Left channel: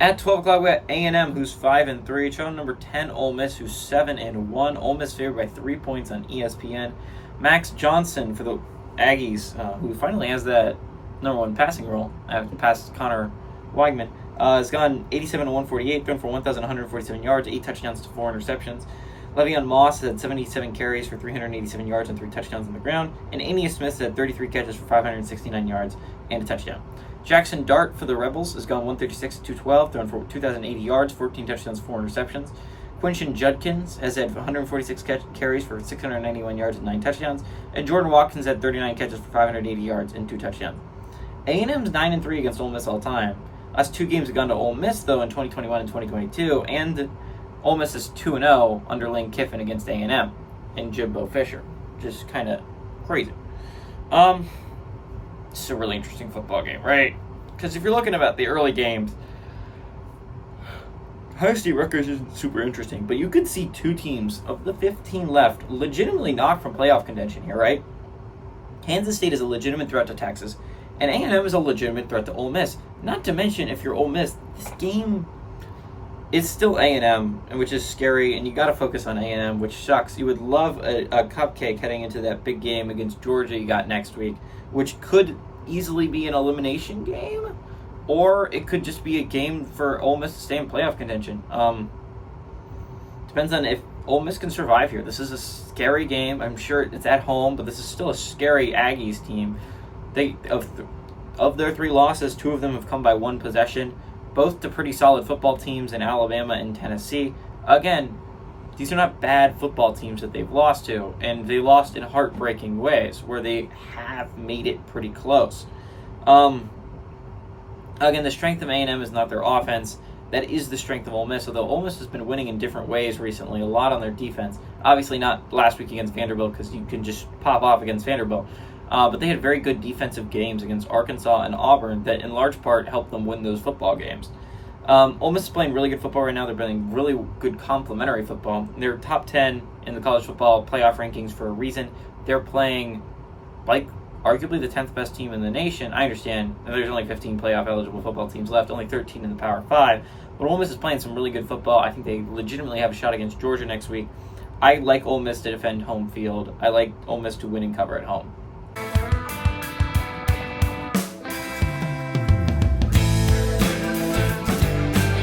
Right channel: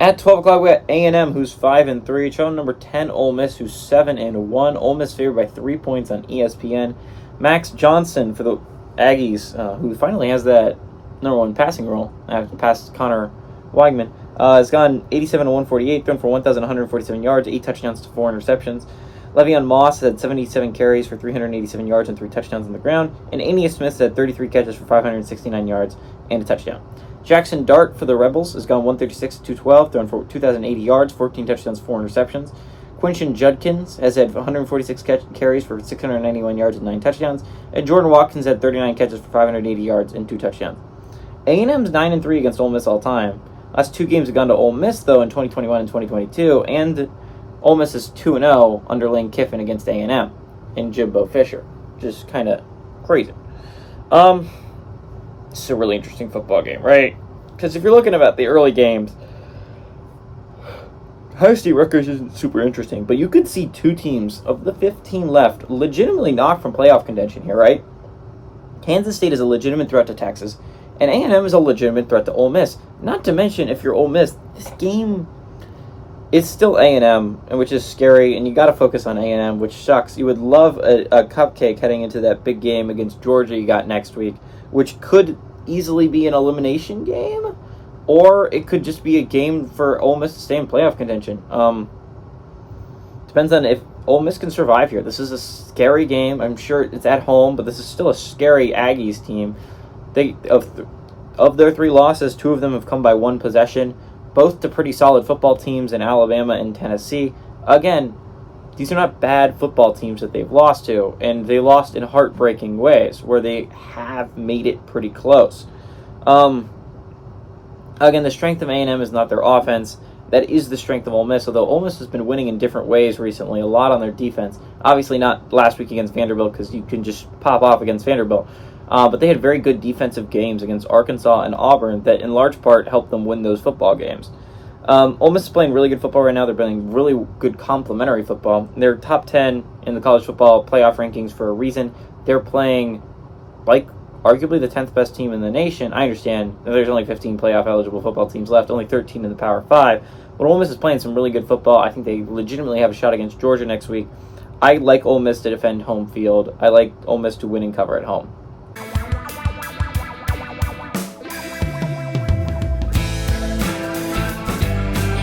At 12 o'clock, we got A&M, who's 5-3. Showing number 10, Ole Miss, who's 7-1. Ole Miss favored by 3 points on ESPN. Max Johnson for the Aggies, who finally has that number one passing role after past Connor Weigman, has gone 87 to 148, thrown for 1,147 yards, 8 touchdowns to 4 interceptions. Le'Veon Moss had 77 carries for 387 yards and 3 touchdowns on the ground. And Aeneas Smith had 33 catches for 569 yards and a touchdown. Jackson Dart for the Rebels has gone 136 to 212, thrown for 2,080 yards, 14 touchdowns, 4 interceptions. Quinton Judkins has had 146 carries for 691 yards and 9 touchdowns. And Jordan Watkins had 39 catches for 580 yards and 2 touchdowns. A&M's 9-3 against Ole Miss all time. Last 2 games have gone to Ole Miss, though, in 2021 and 2022. And Ole Miss is 2-0 under Lane Kiffin against A&M and Jimbo Fisher. Just kind of crazy. It's a really interesting football game, right? Because if you're looking about the early games, Ohio State Rutgers isn't super interesting, but you could see 2 teams of the 15 left legitimately knocked from playoff contention here, right? Kansas State is a legitimate threat to Texas, and A&M is a legitimate threat to Ole Miss. Not to mention, if you're Ole Miss, this game is still A&M, which is scary, and you got to focus on A&M, which sucks. You would love a cupcake heading into that big game against Georgia you got next week, which could easily be an elimination game, or it could just be a game for Ole Miss to stay in playoff contention. Depends on if Ole Miss can survive here. This is a scary game. I'm sure it's at home, but this is still a scary Aggies team. Of their 3 losses, 2 of them have come by 1 possession, both to pretty solid football teams in Alabama and Tennessee. Again, these are not bad football teams that they've lost to, and they lost in heartbreaking ways where they have made it pretty close. Again, the strength of A&M is not their offense. That is the strength of Ole Miss, although Ole Miss has been winning in different ways recently, a lot on their defense. Obviously not last week against Vanderbilt because you can just pop off against Vanderbilt. But they had very good defensive games against Arkansas and Auburn that in large part helped them win those football games. Ole Miss is playing really good football right now. They're playing really good complementary football. They're top 10 in the college football playoff rankings for a reason. They're playing like arguably the 10th best team in the nation. I understand there's only 15 playoff eligible football teams left, only 13 in the Power 5. But Ole Miss is playing some really good football. I think they legitimately have a shot against Georgia next week. I like Ole Miss to defend home field. I like Ole Miss to win and cover at home.